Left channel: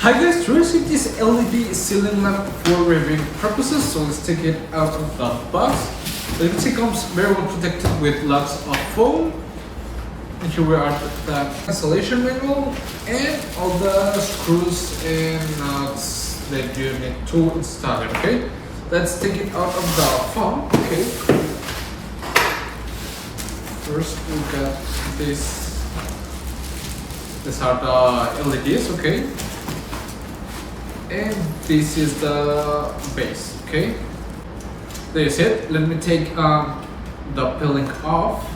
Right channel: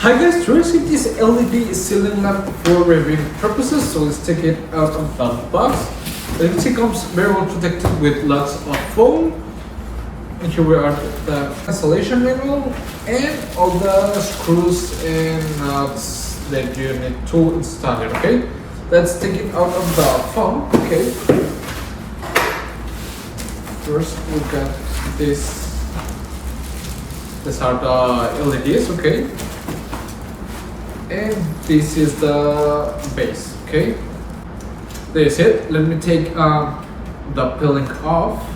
Hi guys, to receive this LED ceiling lamp for reviewing purposes, so let's take it out of the box. It comes very well protected with lots of foam. And here we are the installation manual and all the screws and nuts that you need to install it, okay? Let's take it out of the foam, okay? First we got this. These are the LEDs, okay? And this is the base, okay? There is it. Let me take the peeling off.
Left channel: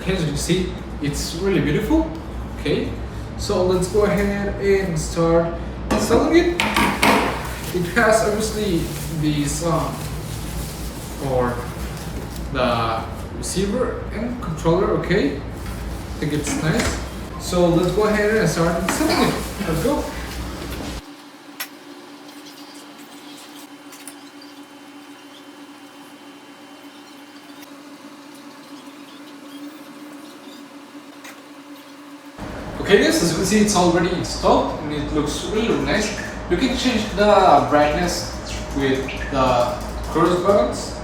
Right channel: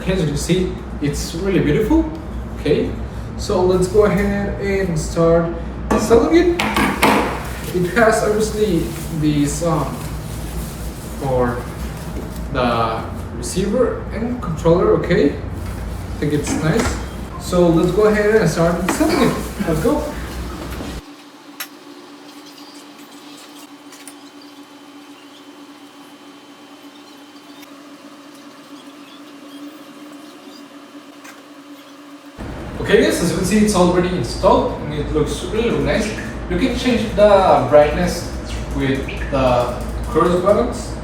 Okay, as you can see, it's really beautiful. Okay, so let's go ahead and start installing it. It has obviously these for the receiver and controller. Okay, I think it's nice. So let's go ahead and start installing it. Let's go. Okay guys, as you can see, it's already installed and it looks really nice. You can change the brightness with the cross buttons.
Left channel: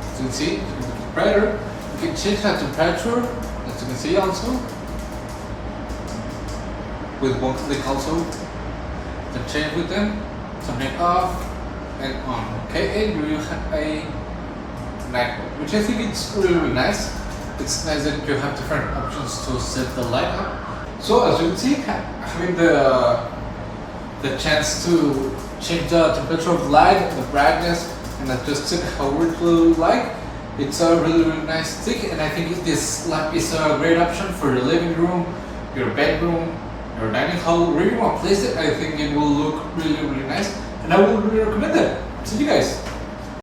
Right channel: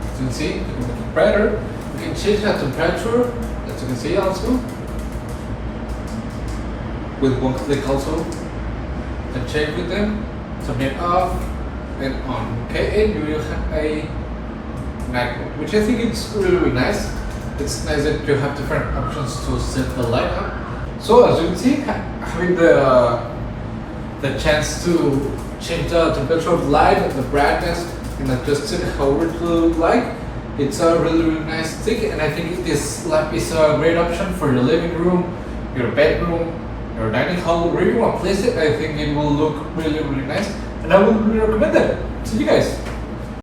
As you can see, you can make it brighter. You can change the temperature, as you can see also. With one click also. You can change with them, turn it off and on. Okay, and you have a night mode, which I think it's really nice. It's nice that you have different options to set the light up. So as you can see, having the chance to change the temperature of light, the brightness, and adjust it however you like, it's a really nice thing. And I think this lamp is a great option for your living room, your bedroom, your dining hall, wherever you want to place it. I think it will look really nice, and I would really recommend it to you guys.